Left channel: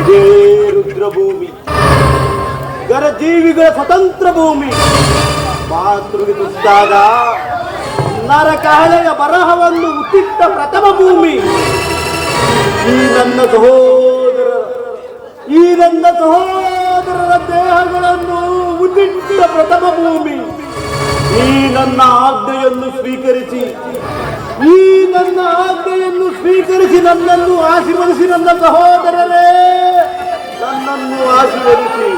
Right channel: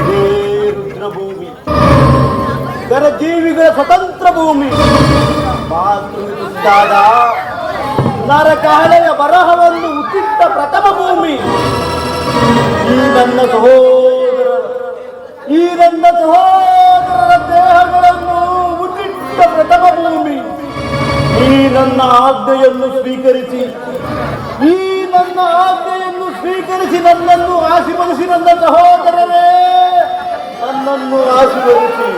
ಇದೇ ರುದ್ರಭೂಮಿ, ಜೀವಿಗಳ ಸ್ವತಂತ್ರ ಭೂಮಿ. ಮಾತೃಗೆ ತುತ್ತಾದ ನರಕಾಳೆಯ ಬರಹವನ್ನು ಉತ್ತಿಟ್ಟ ಪ್ರಥಮ ಭೂಮಿ. ಈ ನನ್ನ ಸಹೋದರರ ದೇಹಗಳನ್ನು ಉತ್ತಿಟ್ಟ ಪ್ರಥಮ ಭೂಮಿ. ಈ ನನ್ನ ಆಜ್ಞೆಯನ್ನು ಸ್ವೀಕರಿಸಿ ನನ್ನನ್ನು ಆಶೀರ್ವದಿಸಿ. ನನ್ನ ಸಹೋದರರೇ, ನನ್ನನ್ನು ಆಶೀರ್ವದಿಸಿ.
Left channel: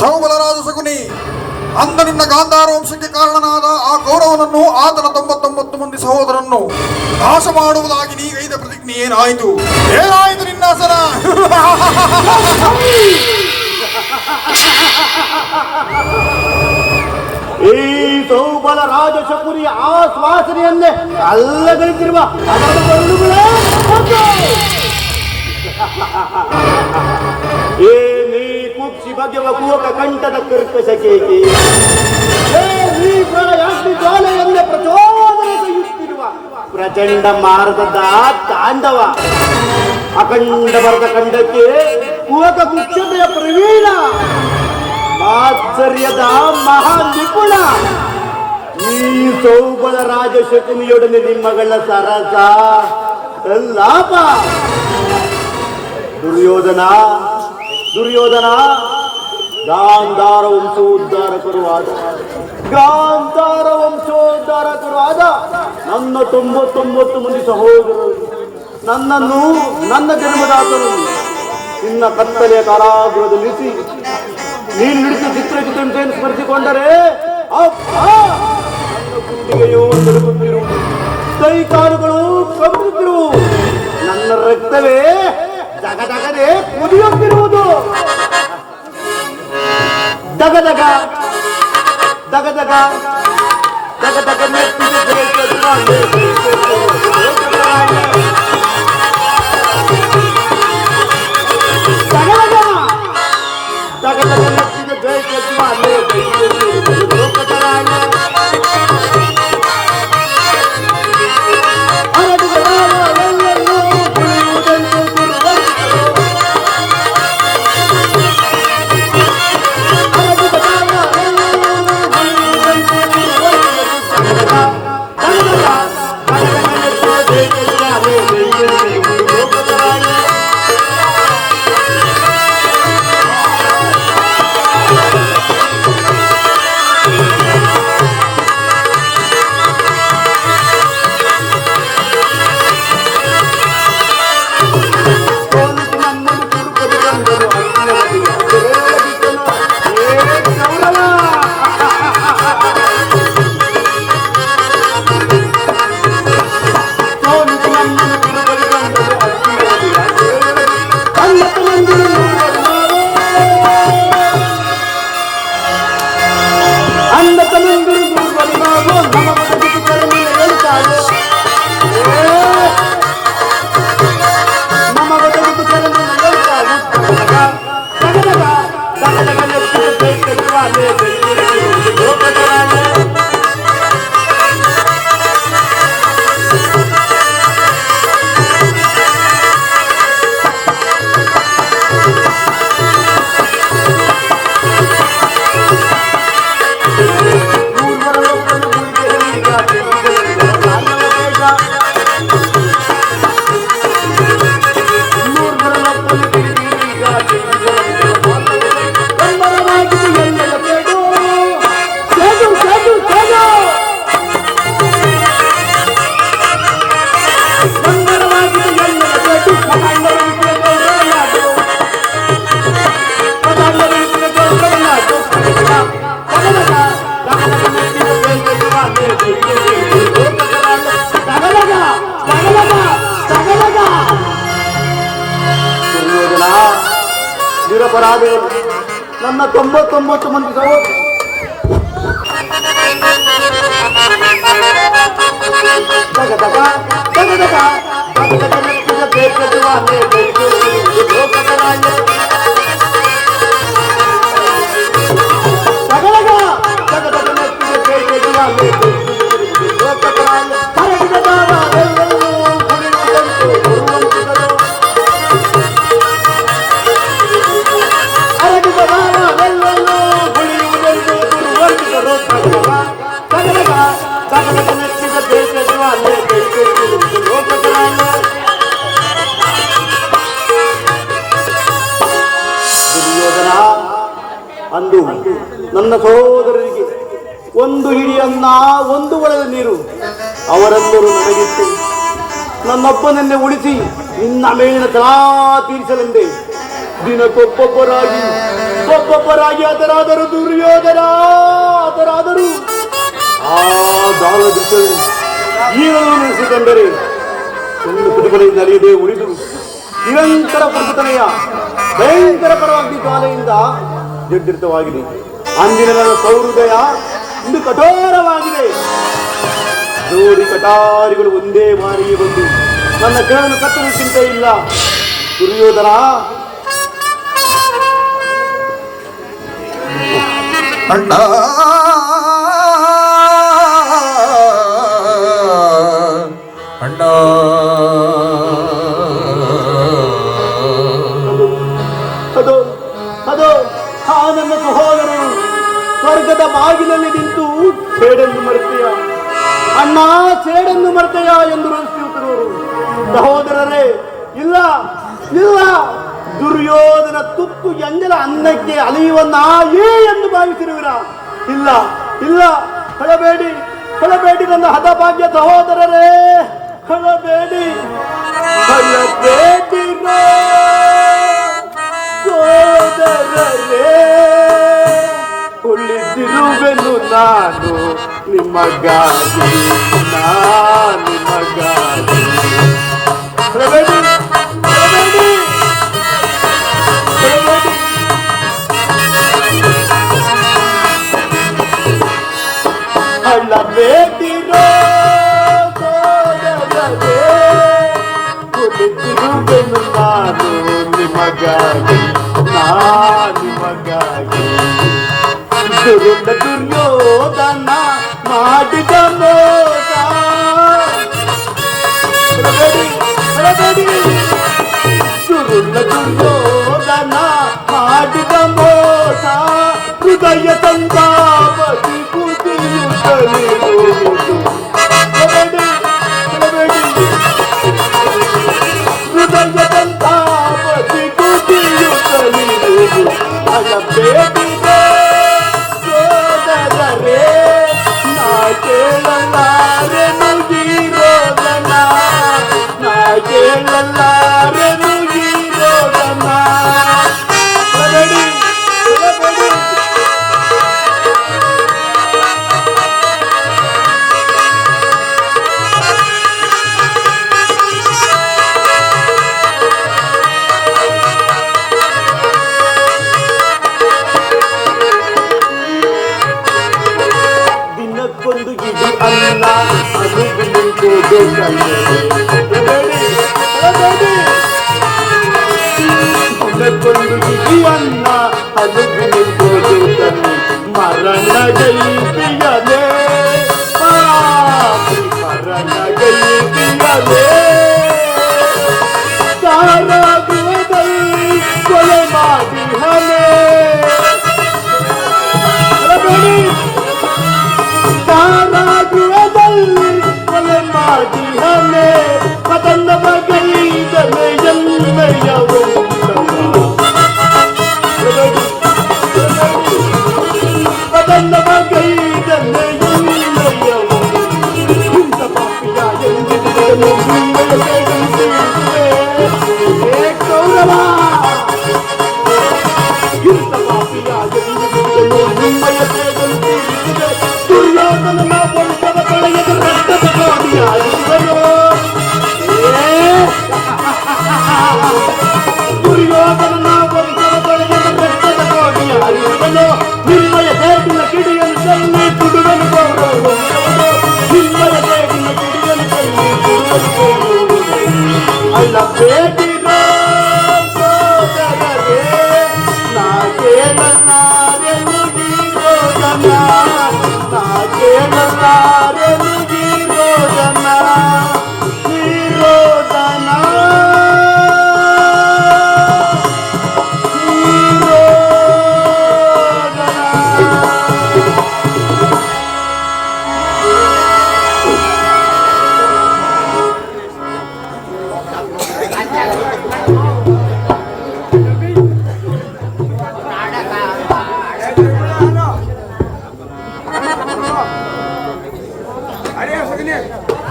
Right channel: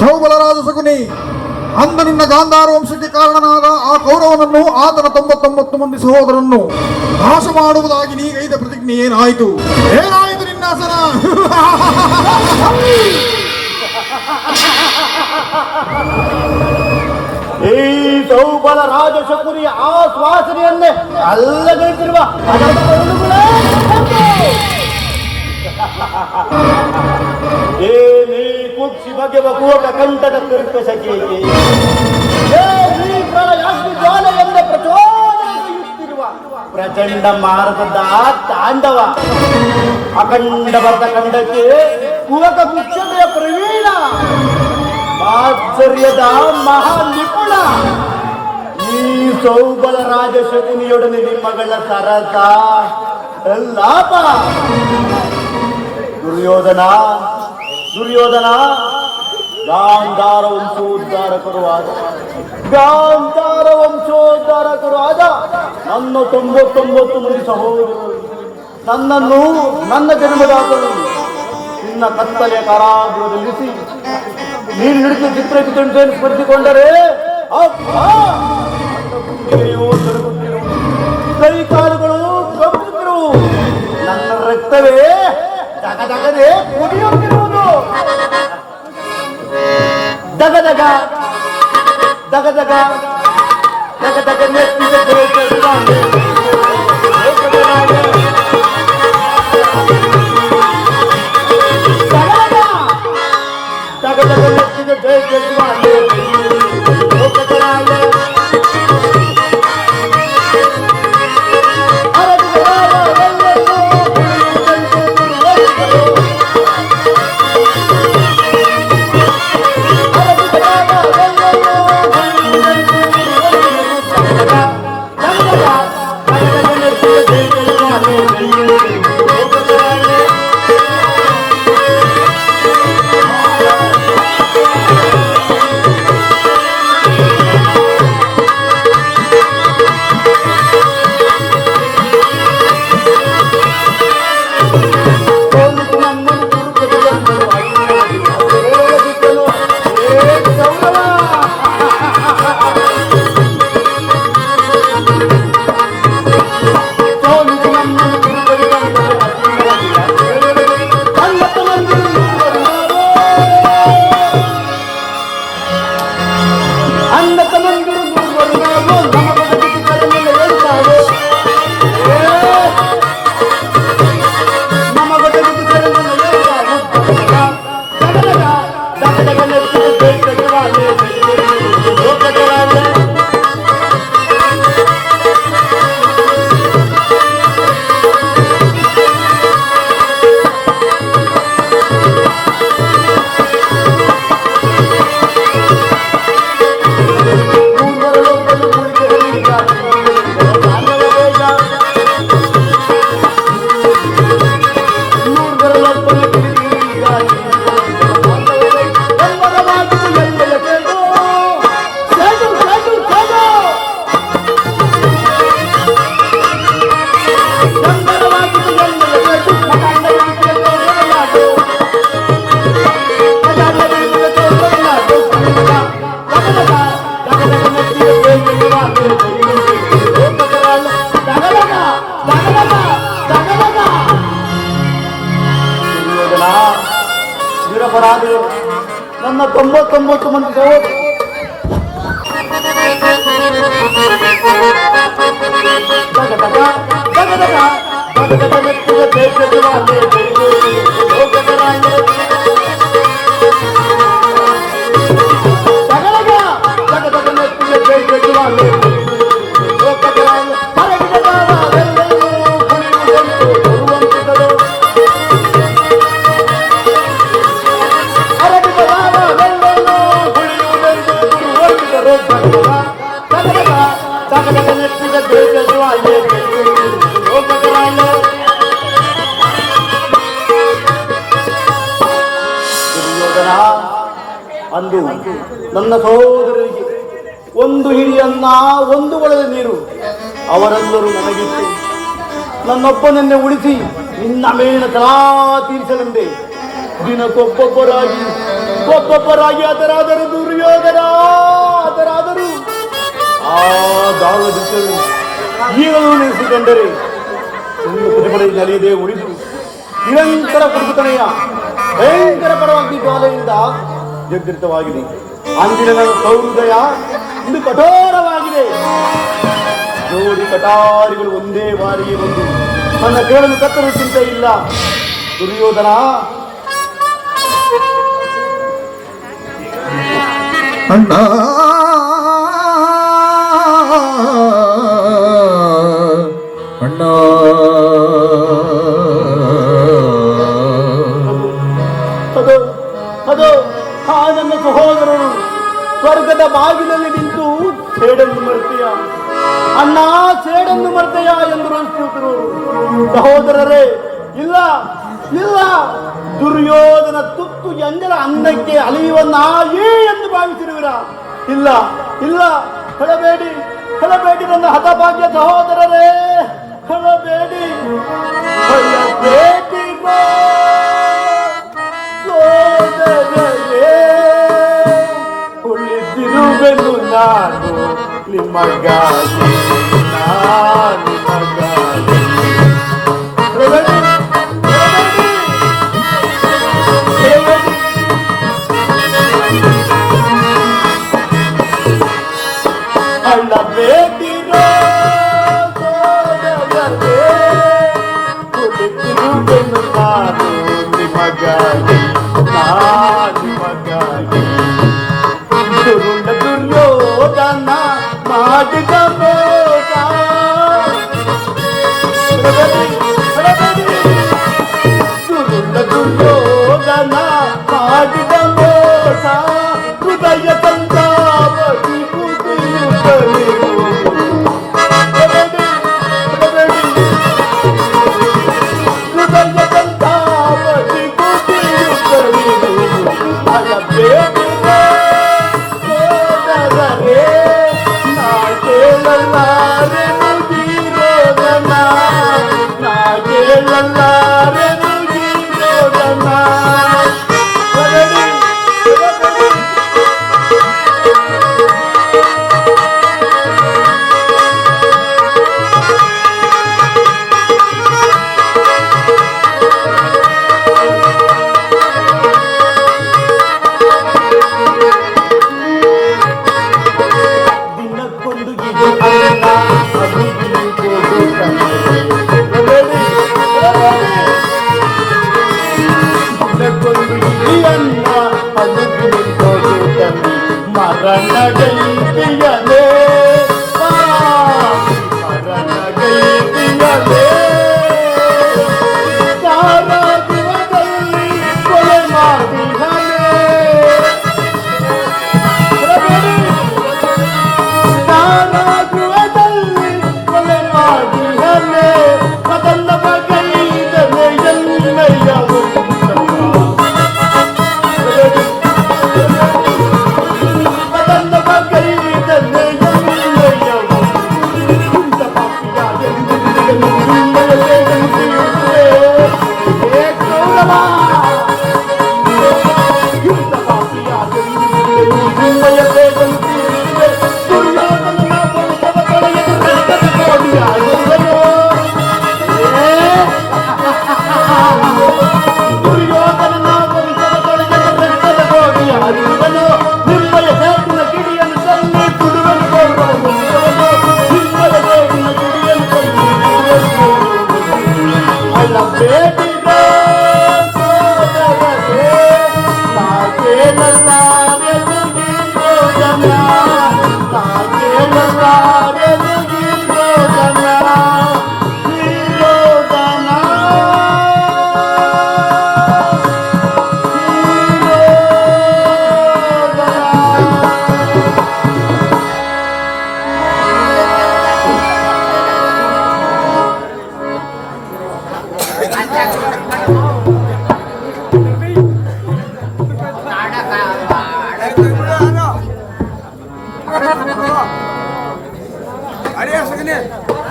ಸೌಬಲರಾಜ ಶಕುನಿ, ಅಂದ ನಿನ್ನ ಗಾಂಧಾರ ವಂಶಕ್ಕೆ ಕಾರಣನಾದ ಆ ಕೌರವನನ್ನು, ಆತನ 99 ಮಂದಿ ಸಹೋದರನ್ನು ನಾಶ ಮಾಡುವುದಾಗಿ ನೀಗೈದ ಪ್ರತಿಜ್ಞೆ ಏನಾಯಿತು ನಿನ್ನ ಆಸನ? ಈ ಸೌಬಲ ರಾಜ ಶಕುನಿಯ ಆಶ್ವಾಸನೆಯನ್ನೇ ಅಲ್ಲಗೈತಿರುವ ಕುಕ್ಷಿ ಬಗೆವ ಕೂಟ ಕಂಠದ ಕರ್ಕಶಕೇಕೆ ಜಾಲೆಯನ್ನೇ ಪ್ರಚೋದನೆಯುತ್ತಿರುವ ಪ್ರಚಂಡ ಮಾರ್ಗದ ತಾಂಡವ. ಅಖಂಡ ಭರತ ಖಂಡಕ್ಕೆ ಕೂಟ ಕುಕ್ಷತೆಯ ಪ್ರವೀಣ, ಆಶ್ಚರ್ಯದ ಮಹಾ ನಿಪುಣ. ಈ ಸೌಬಲ ರಾಜ ಶಕುನಿಯೊಡನೆ ನಿಮ್ಮಗಳ ಸರಸ ಲಾಪ. ದುರ್ಯೋಧನ ಗಾಂಧಾರ ವಂಶೋದ್ಧಾರಕರು ಆದ ನನ್ನ 99 ಮಂದಿ ಸಹೋದರರು ನನ್ನನ್ನು, ನನ್ನ ಜನ್ಮದಾತನನ್ನು ನಿನ್ನ ಕತ್ತಲೆಯ ಕಾರಾಗೃಹದಲ್ಲಿರಿಸಿ ನೀನು ಹಿಡಿದು ಚಿತ್ರಚಿತ್ರಣಿಕೆಯನ್ನು ಸ್ಮರಿಸಿಕೊಂಡರೆ ಕೈ ಕಾಲುಗಳು ಕಂಬಿರುತ್ತಿರುವು. ನನ್ನ ರಕ್ತವೇ ದಗದಗನೆ ಕುದಿಯುತ್ತಿರುವುದು. ದಗದಗ ದಗದಗ ದಗದಗ ನೆತ್ತಿದ ನನ್ನ 99 ಮಂದಿ ಸಹೋದರರು ಅಂದು ನನ್ನ ಸಹೋದರರಿಗೆ ಒಂದು ಹಿಡಿ ಅನ್ನ, ಒಂದು ಒಳದ ನೀರು ಅವರೆಲ್ಲರೂ ನನಗಿತ್ತು. ನನ್ನಪ್ಪನನ್ನೇ ಉಳಿಸಿ ನಿನ್ನ ಮೇಲಿನ ಕಲಾ ತೀರಿಸಲೆಂದೇ ಒಬ್ಬೊಬ್ಬರಾಗಿ ಅದರಾದರೂ ದುರ್ಯೋಧನ ಅದರಾದರೂ ಆ ದಾಳ ದೃಶ್ಯವು ಈಗಲೂ ನೆನೆಸಿಕೊಂಡರೆ ನನ್ನ ಪ್ರತಿಭಟನೆ ನಡೆಯದೆ ಉಳಿದು ನಿರಂತರ ಪ್ರತಿಭಟನೆಯ ಭಯಂಕರ ಪರವಾಗಿ ಜ್ವಾಲೆಯಿಂದ ಜರ್ಜರಿತವಾಗಿದೆ. ಅಂದಿನ ಸೌಹೃದಯ ಇಂದು ಕಠೋರವಾಗಿದೆ. ಜೋಡಿ ಕಟಾರಿಗಳು ಒಂದೇ ಬಾರಿಗೆ ಬಂದು ನನ್ನ ಕೇಳಲು ಕತ್ತಲು ಚಿಂತೆ ಇಲ್ಲ. ದುರ್ಯೋಧನ ಅಣ್ಣ ಅಣ್ಣ ಅದು ಆ ನನ್ನ ಸಹೋದರರು ಸ್ವರ್ಗದ ಬಾಗಿಲಲ್ಲಿ ನಿಂತು ಸೇಡನ್ನು ಮರೆತೆಯ ಅಣ್ಣ, ಸೇಡನ್ನು ಮರೆತೆಯ ಎಂದು ರೋಷಿಸುತ್ತಿರುವರು. ಸಹೋದರರೇ, ಇಲ್ಲ ಇಲ್ಲ, ದುರ್ಯೋಧನ ತುತ್ತು ಎಂಜಲ ಅನ್ನಕ್ಕೆ ಅಲೆಯುವ ನಾಯಿ ಎಂದು ಭಾವಿಸಿರುವಿರ? ಇಲ್ಲ ಇಲ್ಲ, ಹೇಳಬೇಡಿ ಹೇಳಬೇಡಿ ನನ್ನ ಹತಭಾಗ್ಯ ಸಹೋದರರೇ, ಹೇಳಬೇಡಿ. ಕುಳಿತಿರುವೆನು ನಾನು ನಿಮಗಾಗಿ,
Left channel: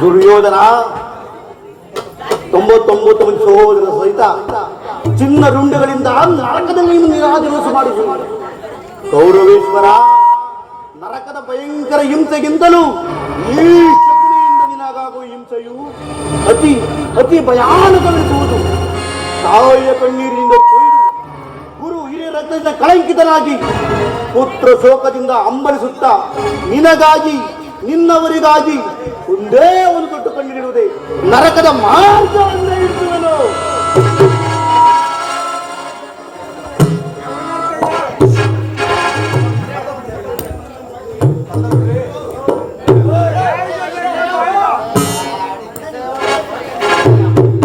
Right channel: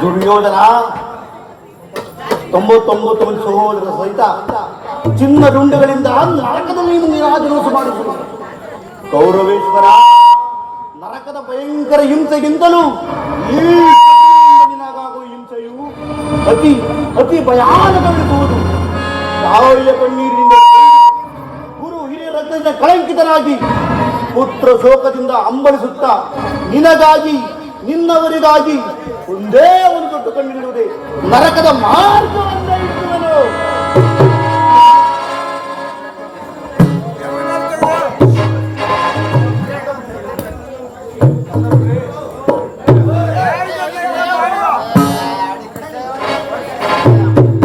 ದುರ್ಯೋಧನ 99 ಮಂದಿ ಸಹೋದರ ಸಹಿತ ಚಿನ್ನ ರುಂಡಗಳಿಂದ ನರಕದಲ್ಲಿ ನೀರಾಜನಸು ಮಾಡಿಸಿ ಕೌರವೇಶ್ವರ ನರಕದ ಭಯಂಕರ ಹಿಂಸೆಗಿಂತಲೂ ಈ ನಿನಗಾಗುವ ಹಿಂಸೆಯು ಅತಿ ಅತಿ ಭಯಾನಕವೆನಿಸುವುದು. ತಾಯಿಯ ಕಣ್ಣೀರಿನಿಂದ ಗುರು ಹಿರಿಯರ ಕಳಂಕಿತರಾಗಿ ಪುತ್ರ ಶೋಕದಿಂದ ಅಂಬಲಿಸುತ್ತಾ ನಿನಗಾಗಿ ನಿನ್ನವರಿಗಾಗಿ ಒಂದೇ ಒಂದು ಕೊಟ್ಟುಕೊಂಡಿರುವುದೇ ನರಕದ ಮಾಂಸವನ್ನ ಇಟ್ಟುವನು.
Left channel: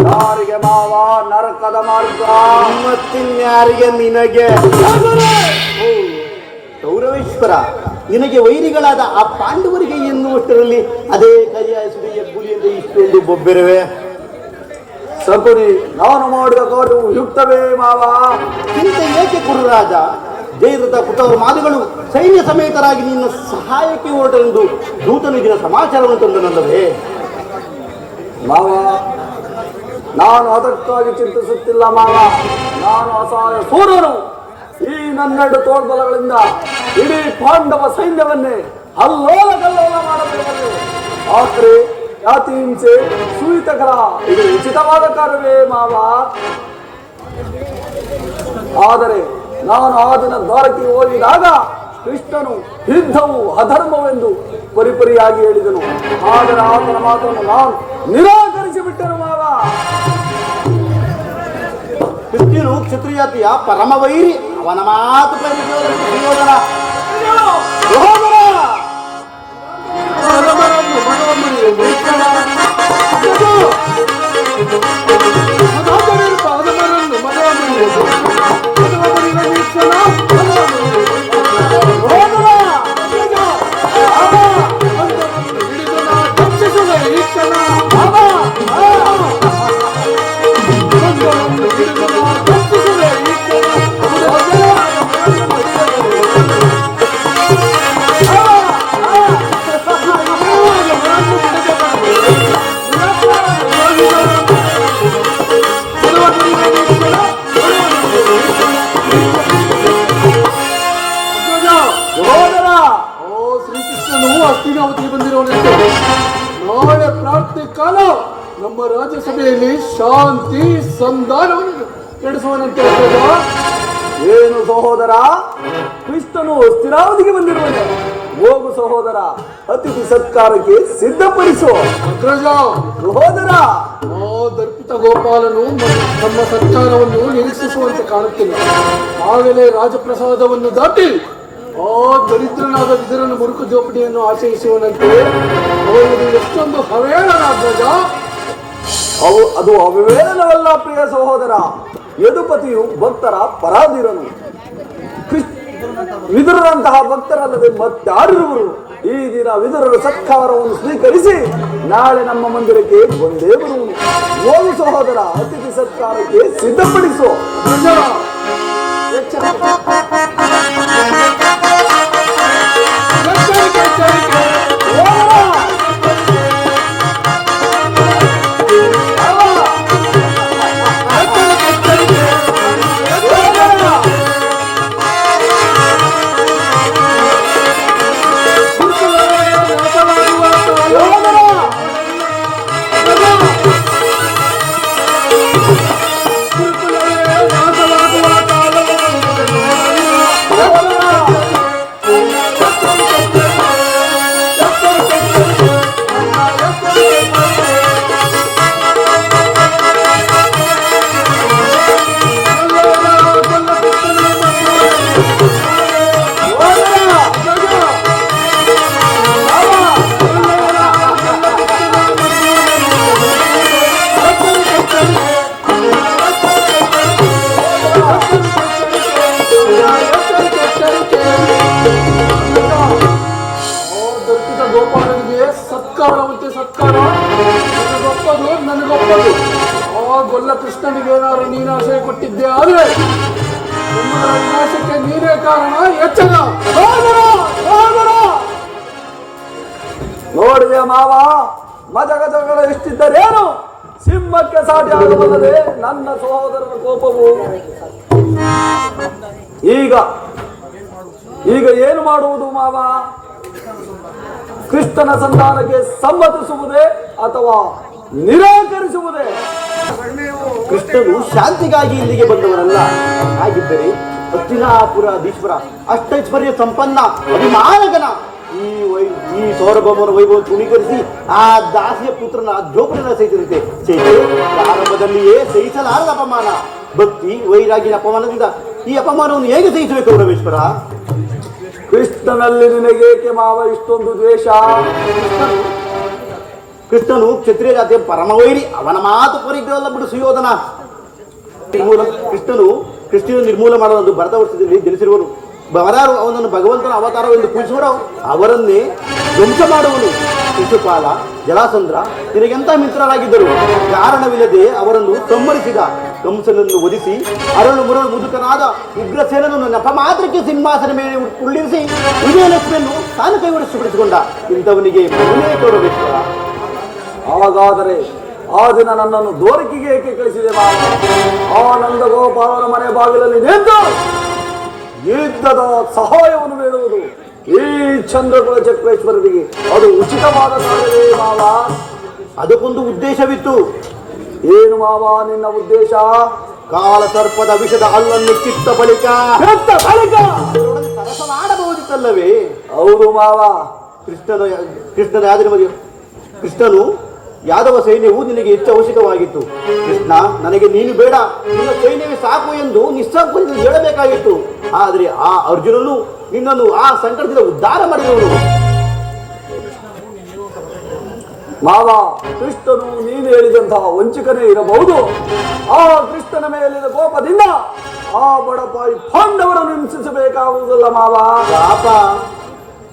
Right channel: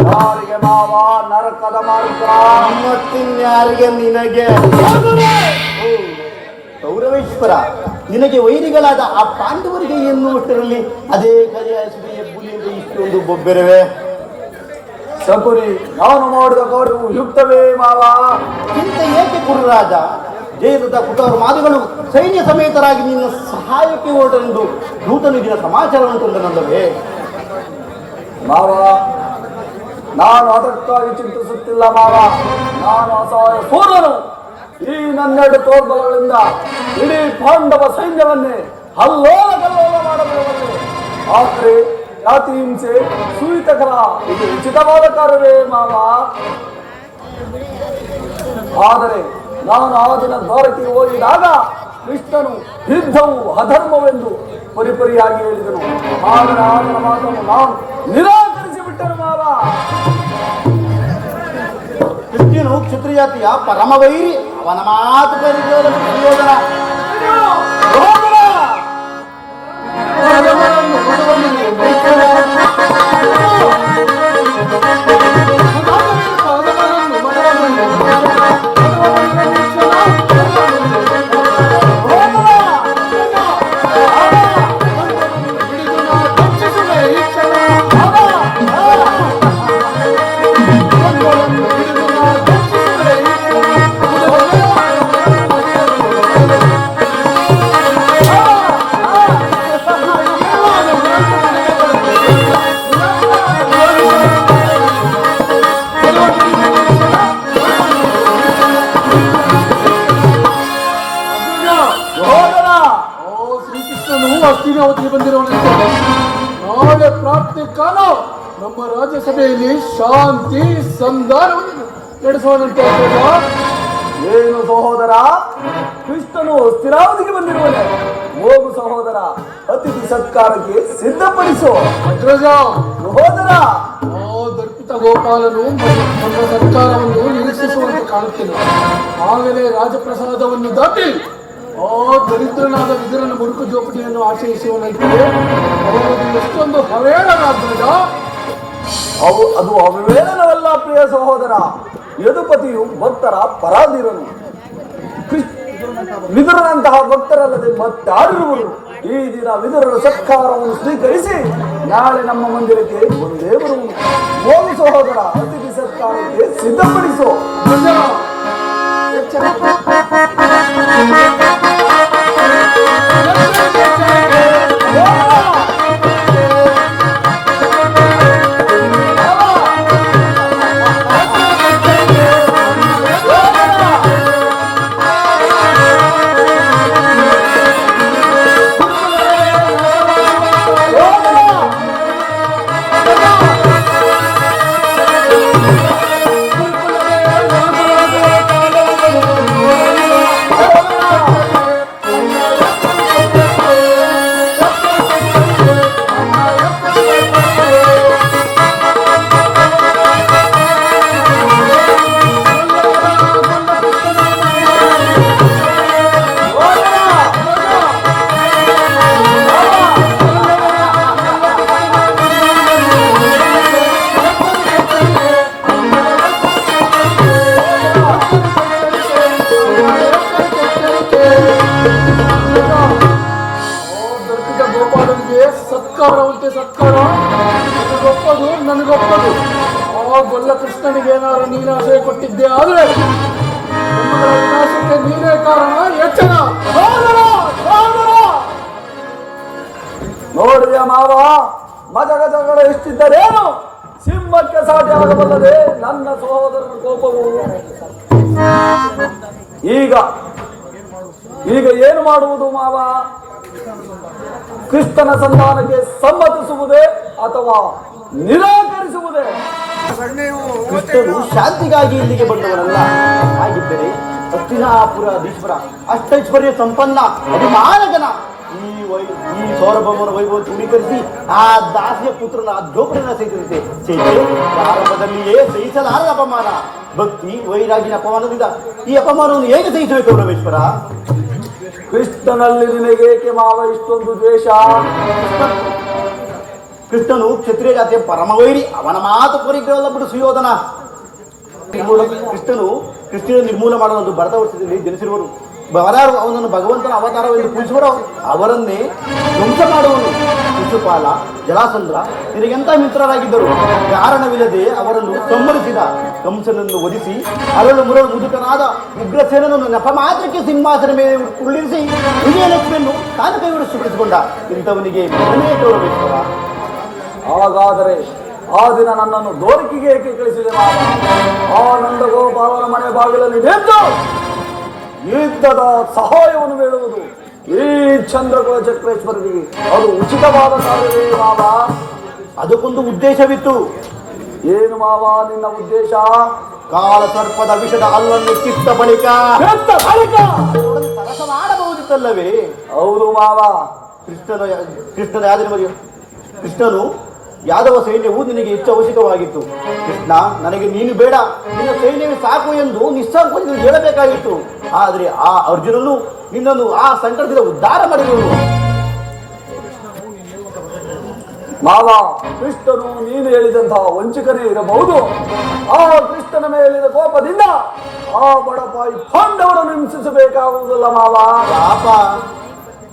ಯಾರಿಗೆ ಮಾವ ನರಕದ ಮಾರ್ಗ? ಮತ್ತಿನ್ಯಾರಿಗೆ ನಿನಗೆ ಕೌರವೇಶ್ವರ ನಿನಗೆ ವೈರಿಗಳಾದ ಆ ಪಾಂಡವರಿಗೆ ಎನ್ನುವಷ್ಟರಲ್ಲಿ ಅದೇ ಕರಿಯಾಯಿಸಿದೆ ಎಬ್ಬುಲಿಯಿಂದ ಇಷ್ಟೊಂದು ಬೊಬ್ಬೆರವೆ. ಸಕುನಿ, ನಾನು ಮಾಡಿದ ಕಾರ್ಯವು ಯುಕ್ತವೇ ಮಾವ? ಚಿಂತೆ ಏಕೆ ಕುರುರಾಜ? ಜಯದ್ರಥ ಕೃತವರ ಮಾತುಗಳು ಸೈನ್ಯ ಸಮೇತರಾಗಿ ನಿನ್ನ ಸಹಾಯಕ್ಕೆ ಹೊರಟೆಂದು ದೂತನಿದಿನ ಸಮಾಚಾರವನ್ನು ತಂದನಲ್ಲವೇ? ಮಾವ, ನಾನು ಅದಕ್ಕಾಗಿ ಚಿಂತಿಸುತ್ತಿಲ್ಲ ಮಾವ. ನಾನು ಅಸಹಾಯ ಸೂರನು. ಈ ನನ್ನೆರಡು ತೋರ್ಬಲಗಳಿಂದ ಇಡೀ ಪಾಂಡವ ಸೈನ್ಯವನ್ನೇ ಅಲ್ಲೋಲ ಕಲ್ಲೋಲ ಮಾಡಬೇಕು. ಆದರೆ ಜಾತಿ ಹಿಂಸೆ ಸೂಯಿತಕರ ಇದು ಉಚಿತವಾದ ಕಾರ್ಯವೇ ಮಾವ. ಆದರೆ ನಾನು ಆ ದಿನ ದ್ವಾರಕ್ಕೆ ಹೋಗಿದಾಗ ಕೃಷ್ಣನು ಯುದ್ಧವು ಅಧರ್ಮವೆಂದು ಪರಿಪರಿಯಾಗಿ ಹೇಳಿದನು. ಆದರೆ ಆತನ ಮಾತನ್ನು ನಾನು ನಿರಾಕರಿಸಿ ಬಿಟ್ಟನು ಮಾವ. ಕೃಷ್ಣನು ಕ್ಷತ್ರಿಯಾತಿಯ ಪರಮ ವೈರಿ. ಅವನ ಮಾತು ನಾಳೆ ಪ್ರಾಪ್ತಿ ಕಾಲ ನಮ್ಮ ರಾಜ್ಯಸಭೆಯಲ್ಲಿ ಶಾಂತಿ ಸಂಧಾನವನ್ನು ನಡೆಸುವಂತೆ. ಏನು ಸಹೋದರ, ಕೃಷ್ಣನು ಸ್ಥಿರಾವಧಿಗೆ ಬಂದಿರುವನೆ. ಹೋಗು ಸಹೋದರ, ಅತಿಥಿ ಸತ್ಕಾರಕ್ಕೆ ಸಿದ್ಧಪಡಿಸು. ಅಗ್ರಜ ಸಹೋದರ, ಆ ದರ್ಪಿತ ಗೋಪಾಲನು ನಮ್ಮ ಸರ್ಕಾರವನ್ನು ನಿರೀಕ್ಷಿಸುವಂತೆ ಕಾಣುತ್ತಿಲ್ಲ. ಆಗಲೇ ರಾಜಪ್ರಸಾದವನ್ನು ದಾಟಿ ಆ ದರಿದ್ರನಾದ ವಿದುರನ ಮುರುಕು ಜೋಪಡಿಯನ್ನು ಆಚರಿಸುವನಂತೆ. ಅವನಿಗೆ ಎಷ್ಟೊಂದು ಹವೇಳನ ಅಗ್ರಜ. ಅದು ಅವಿವೇಳನವಲ್ಲ ಪ್ರಿಯ ಸಹೋದರ. ಯದುಪತಿಯು ಭಕ್ತರ ಪರಾಧೀರನು. ವಿದುರನಂತಹ ಭಕ್ತರಲ್ಲದೆ ಮತ್ತಾರಿರುವರು. ಈ ದಿನ ವಿದುರನ ಸತ್ಕಾರವನ್ನು ಸ್ವೀಕರಿಸಿ ನಾಳೆ ನಮ್ಮ ಮಂದಿರಕ್ಕೆ ಬಂದೇ ಬರುವನು. ಹೋಗು ಸಹೋದರ, ಅತಿಥಿ ಸತ್ಕಾರಕ್ಕೆ ಸಿದ್ಧಪಡಿಸು. ತಡೆಯಲಾಗಬಲ್ಲದೆ ನನ್ನ ಸಹೋದರನ ಕೋಪವು. ಈಗ ಏನು ಮಾಡುವುದು ಮಾವ? ಕೃಷ್ಣನ ಸಂಧಾನಕ್ಕೆ ಸಮ್ಮತಿಸುವುದೇ ಅಥವಾ ನಿರಾಕರಿಸುವುದೇ? ಕೃಷ್ಣನು ಶಾಂತಿಗಾಗಿ ಇಲ್ಲಿಗೆ ಬಂದವನಲ್ಲ. ಹಾಗಿದ್ದರೆ ಹಸ್ತಿನಾಪುರಾಧೀಶ್ವರ ಅಷ್ಟೈಶ್ವರ್ಯ ಸಂಪನ್ನ ಅಭಿಮಾನಗನ ಈ ಸೌರಭವನ ವೈಭವ ತೃಣೀಕರಿಸಿ ಆ ದಾಸಿಯ ಪುತ್ರನ ಅಧ್ಯೋಪನ ಸಹಿತಂತೆ ಆರಂಭದಲ್ಲಿಯೇ ಸಹಿಸಲಾದ ಅಪಮಾನ. ಭಕ್ತಿ ವೈರಾಗಿನ ಅಪಮಾನದಿಂದ ಈ ಅಪಮಾನವನ್ನು ಹೇಗೆ ಸಹಿಸಬೇಕು ಪರಮೇಶ್ವರ? ಕೃಷ್ಣನಲ್ಲಿ ನಿನಗೇಕೆ ಮಾವ ಇಷ್ಟೊಂದು ದ್ವೇಷ? ಕೃಷ್ಣನು ಕ್ಷತ್ರಿಯ ಜಾತಿಯ ಪರಮವೈರಿ. ಅವನ ಮಾತು ಪರಿಗ್ರಹವಲ್ಲ ಬಿಡು ಸುಯೋಧನ. ಕೃಷ್ಣನು ನಿರ್ಮೂಲ ಮಾಡುವ ಭರತ ವರ್ಷದಲ್ಲಿ ಜನಿಸಿರುವರು. ಅವನನ್ನು ಭಗವಂತನ ಅವತಾರವೆಂದು ಕೂರಿಸುವರು. ಅವರನ್ನೇ ಧ್ವಂಸ ಮಾಡುವನು. ಶಿಶುಪಾಲ, ಜಲಾಸಂದ್ರ ನಿನಗೆಂತ ಮಿತ್ರರಾಗಿದ್ದರು. ಕಾರಣವಿಲ್ಲದೆ ಅವರನ್ನು ಸಂಹರಿಸಿದ. ಕಂಸನನ್ನು ವಧಿಸಿ ಅರಳು ಮುದುಕನಾದ ಉಗ್ರಸೇನನ್ನು ನೆಪ ಮಾತ್ರಕ್ಕೆ ಸಿಂಹಾಸನ ಮೇಲೆ ಉಳ್ಳಿರಿಸಿ ವಿಜಯಲಕ್ಷ್ಮಿಯನ್ನು ತಾನು ಕೈಗೊಳಿಸಿಕೊಂಡ ಇಂಥವನಿಗೆ ಕೊಡಬೇಕು. ಹಾಗಾದರೆ ಆ ದಿನ ನನ್ನನ್ನು ದೋರಿಕೆಗೆ ಏಕೆ ಕಳಿಸಿದೆ? ಆನಂದ ಗೋಪಾಲನ ಮನೆ ಬಾಗಿಲಲ್ಲಿ ನಿಂತು ಯುದ್ಧದ ಸಹಾಯವನ್ನು ಬೇಡುವುದು ಈ ಚಂದ್ರಕುಲ ಚಕ್ರೇಶ್ವರರಿಗೆ ಅದು ಉಚಿತವಾದ ಸಾಧನೆ ಮಾವ. ಅದಕ್ಕೊಂದು ಉದ್ದೇಶವಿತ್ತು. ಏನು ಮಾವ ನಿನ್ನ ಉದ್ದೇಶ? ಕಾಲ ಸರ್ಪದ ವಿಷದ ಅಲ್ಲನ್ನು ಕಿತ್ತ ಬಳಿಕ ಮಾಡಬಹುದಿತ್ತಲ್ಲವೇ? ಹೌದು ಮಾವ. ಕೃಷ್ಣನ ಕೃಷ್ಣನು ಯಾದವ ಸೈನ್ಯವು ನಿನಗೆ ಹೆಚ್ಚು ಅವಶ್ಯಕವಾಗಿತ್ತು. ಕೃಷ್ಣ, ನನಗೆ ನೀನು ಬೇಡ, ನಿನ್ನ ಸೈನ್ಯವೇ ಸಾಕು ಎಂದು ನಿಸ್ಸಂಕೋಚದಲ್ಲಿ ಹೇಳಬೇಕಾಗಿತ್ತು. ಆದರೆ ಆ ಅರ್ಜುನನು ನಿನ್ನನ್ನು ಆ ಸಂಕಟದಿಂದ ಉದ್ಧಾರ ಮಾಡಿದನು. ಮಾವ, ಕೃಷ್ಣನು ನೀನು ಹೇಳಿದಂತಹ ವಂಚಕನೇ ಇರಬಹುದು. ಆ ಕೃಷ್ಣನ ಮೇಲಿನ ಕೋಪದಿಂದ ಆ ಬಡಪಾಯಿ ಪಾಂಡವರನ್ನು ಹಿಂಸಿಸಬೇಕಾಗುವುದಿಲ್ಲ ಮಾವ.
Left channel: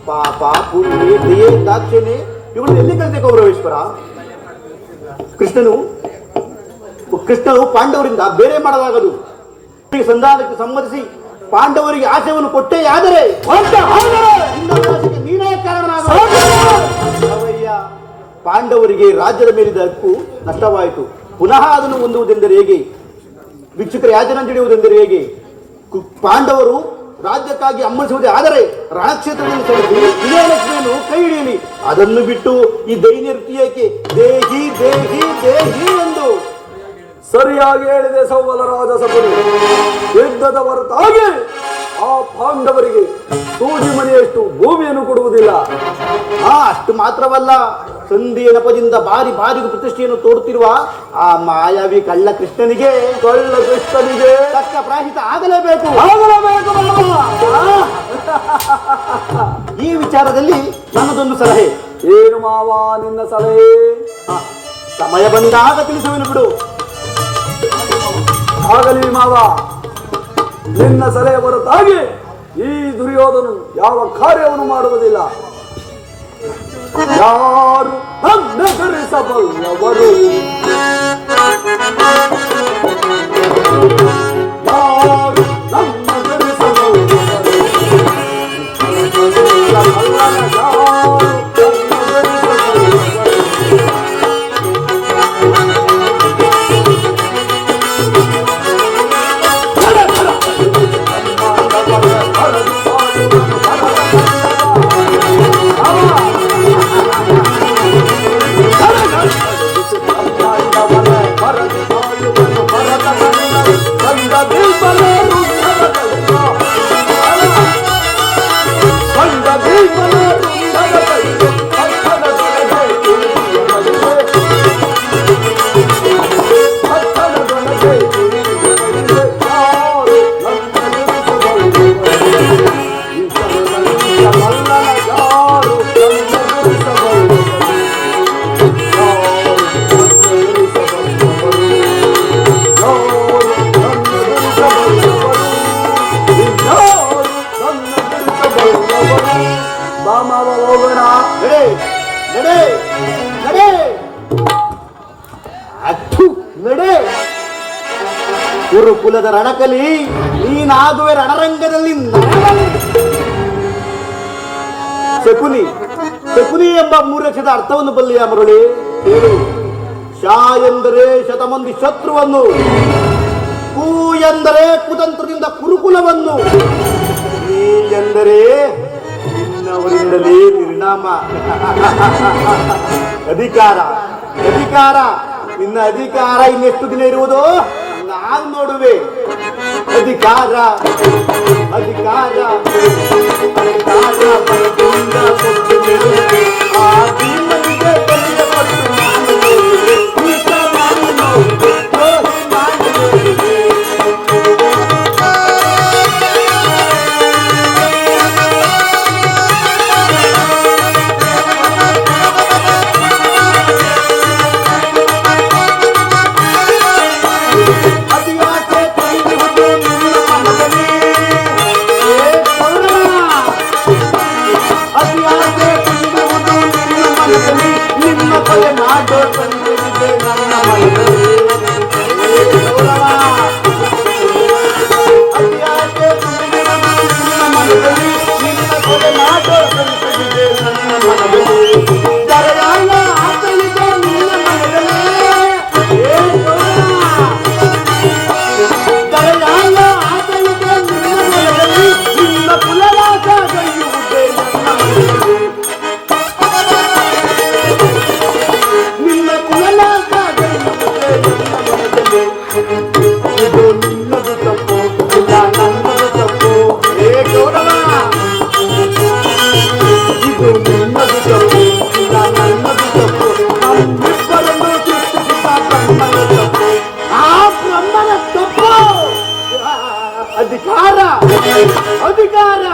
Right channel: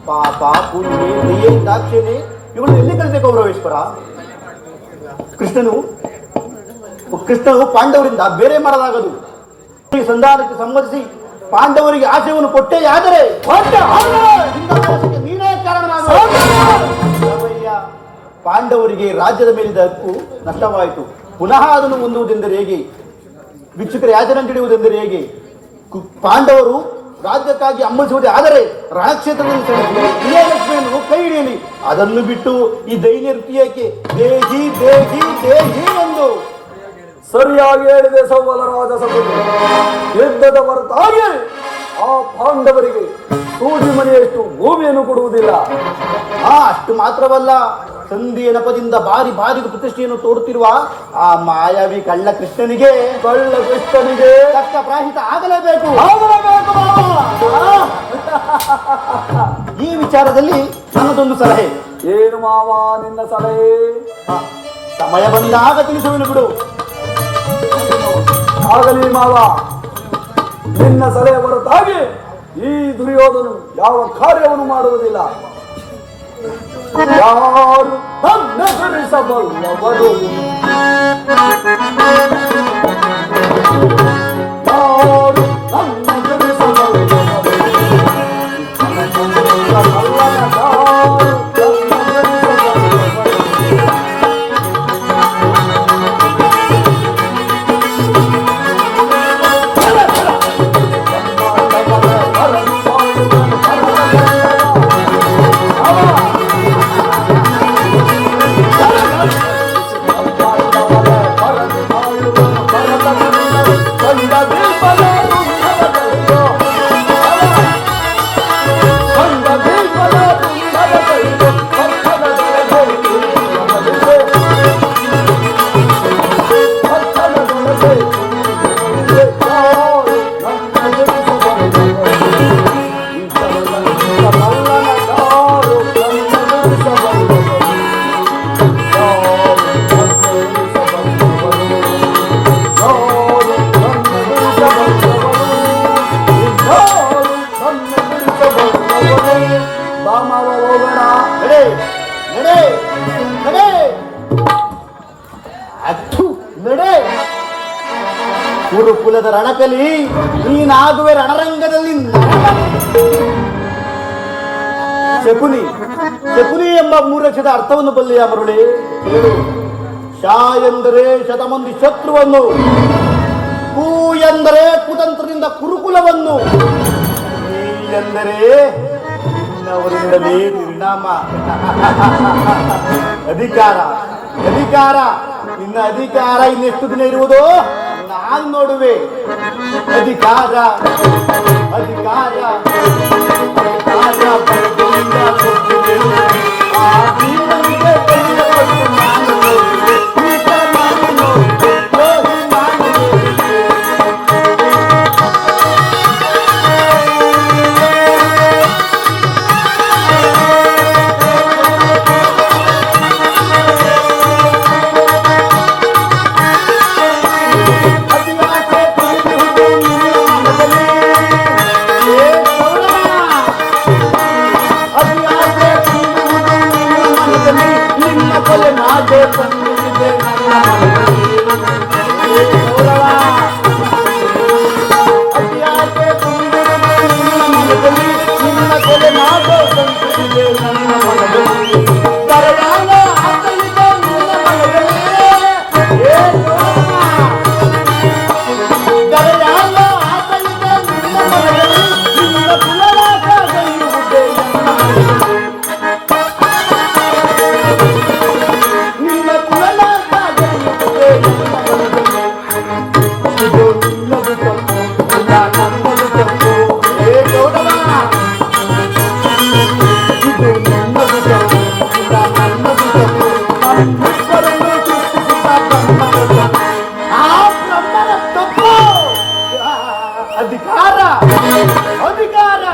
ಪಾಪ ಪೂರ್ಣಿ ದಯೆ ದಾಕ್ಷಿಣ್ಯ ಇವಳು ಎಲ್ಲಿ ಕಲಿತೆ ಕೌರವೇಶ್ವರ? ಕೃಷ್ಣನು ಪಾಂಡವರಿಂದ ಬೇರೆ ಮಾಡಲಾಗದು. ಸಂಧಾನಕ್ಕೆ ಸಮ್ಮತಿಸಿ ಪಾಂಡವರಿಗೆ ಆಶಯವನ್ನು ಕೊಟ್ಟೇ ಆದರೆ ನೀನೇ ಕಾರಣನಾಗ. ಪಾಂಡವರಿಗೆ ರಾಜ್ಯದ ಮೇಲಿದ್ದ ಹಕ್ಕು ನಷ್ಟವಾಯಿತು. ಪುನಃ ಅದನ್ನು ಹೊಂದುವುದೆಂದರೆ ಹೇಗೆ? ಭಿಕ್ಷುಕರ ಯಾಚನೆ ತಿಳಿಯುವುದೆಂದರೆ ಹೇಗೆ? ಪಾಂಡವರು ರಾಜ್ಯಕ್ಕಾಗಿ ಹಮ್ಮಳಿಸುವುದೇ ಆದರೆ ರಾಜಕ್ಷೇತ್ರವನ್ನು ಕೈ ಹಿಡಿಯಲಿ. ಅದನ್ನು ಬಿಟ್ಟು ಈ ದೈನ್ಯಕ್ಕೆ ದೇಹಿ ದೇಹಿ ದೇಹಿ ಎಂದು ಸರಿಯಾಗಿ ಹೇಳಿದೆ ಸೌವಲರಾಜ ಸಭೆ. ಯುದ್ಧದ ಹೊರತಾಗಿ ಆ ಪಾಂಡವರಿಗೆ ಸೂಜಿ ಮನೆಯಷ್ಟು ಭೂಮಿಯನ್ನು ಕೊಡುವುದಿಲ್ಲ. ಅಷ್ಟು ಮಾತ್ರವಲ್ಲ, ಸಂಧಿಯ ನೆಪದಿಂದ ಬಾರಿ ಪ್ರತಿಷ್ಠೆಯನ್ನು ತೋರುತ್ತಿರುವ ಆ ಮಾಯಾವಿ ಕಳ್ಳ ಕೃಷ್ಣನಿಗೆ ತಕ್ಕ ಪ್ರಾಹಿತ ಆಗಲೇಬೇಕು. ಈ ವಿಚಾರದಲ್ಲಿ ನನ್ನದೊಂದು ಸಲಹೆ. ಏನು ಮಾವ ನಿನ್ನ ಸಲಹೆ? ಸಮಯ ಬಂದಾಗ ತಿಳಿಸುವೆನು ಬಿಡು. ಆಗಲಿ ಮಾವ, ನಿನ್ನ ಸಲಹೆ ಹೊರತಾಗಿ ಈ ದುರ್ಯೋಧನು ಯಾವ ಕಾರ್ಯವನ್ನು ಮಾಡುವುದಿಲ್ಲ. ಯಾರು ತನ್ನರಿಸಬಲ್ಲವರು ಗುರುಕುಲದ ರಣಕಲಿ ನೀನಾಗುವೆ ರಣರಂಗದಲ್ಲಿ. ಶಕುನಿ ಎಂಬ 3 ಅಕ್ಷರದ ಅರ್ಥವನ್ನು ಬಲ್ಲಿಯ ಮರುಳಿ. ಶ ಎಂದರೆ ಶತಮಂದಿ ಶತ್ರುವನ್ನು, ಕು ಎಂದರೆ ಕುತಂತ್ರದಿಂದ ಕುರುಕುಲವನ್ನು, ಈ ಎಂದರೆ ಇನ್ನವರಿಂದಲೇ ಪರಿಣಾಮ. ಅಧಿಕಾರ ಅಧಿಕಾರ ನಿನ್ನ ಅಧಿಕಾರ ಇನ್ನೆಷ್ಟು ದಿನ ಇರುವುದೋ ನಾನು ನೋಡುವೆ. ಅಧಿಕಾರ ಅಧಿಕಾರ ಅಧಿಕಾರ ಅಧಿಕಾರ